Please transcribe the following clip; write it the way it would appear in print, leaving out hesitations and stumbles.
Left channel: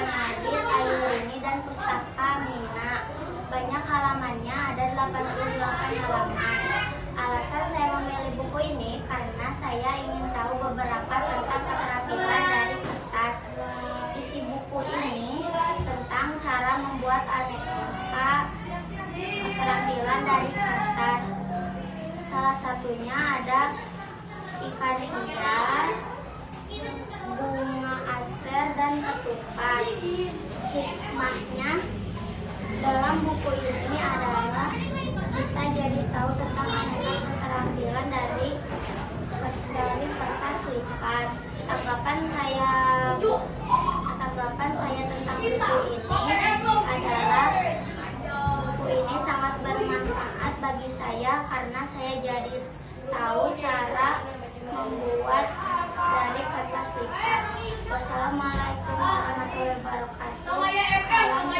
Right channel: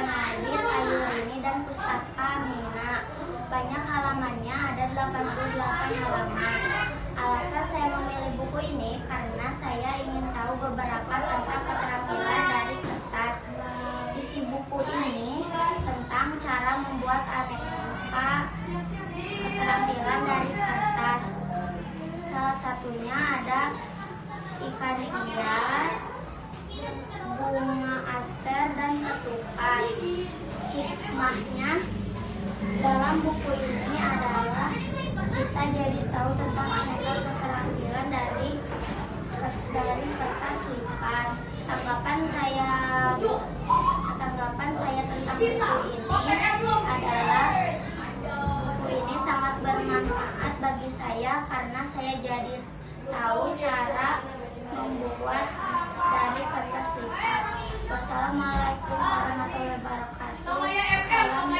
penerbit Ayulini dan Pustaka Mina. Banyak halamannya, ada 88 halaman. Alasan saya memilih buku ini karena saya ingin tahu beberapa tentang keterampilan dari kertas. Isi buku ini tentang cara membuat aneka keterampilan dari kertas. Salah satunya ada ikan hias, bunga aster, dan ketupat. Hikmahnya dalam buku ini adalah kita jadi tahu tentang aneka keterampilan dari kertas lipat. Tanggapan saya tentang buku ini adalah buku ini sangat bermanfaat bagi saya karena saya jadi tahu cara membuat dari kertas lipat. Wassalamualaikum warahmatullahi wabarakatuh. Salam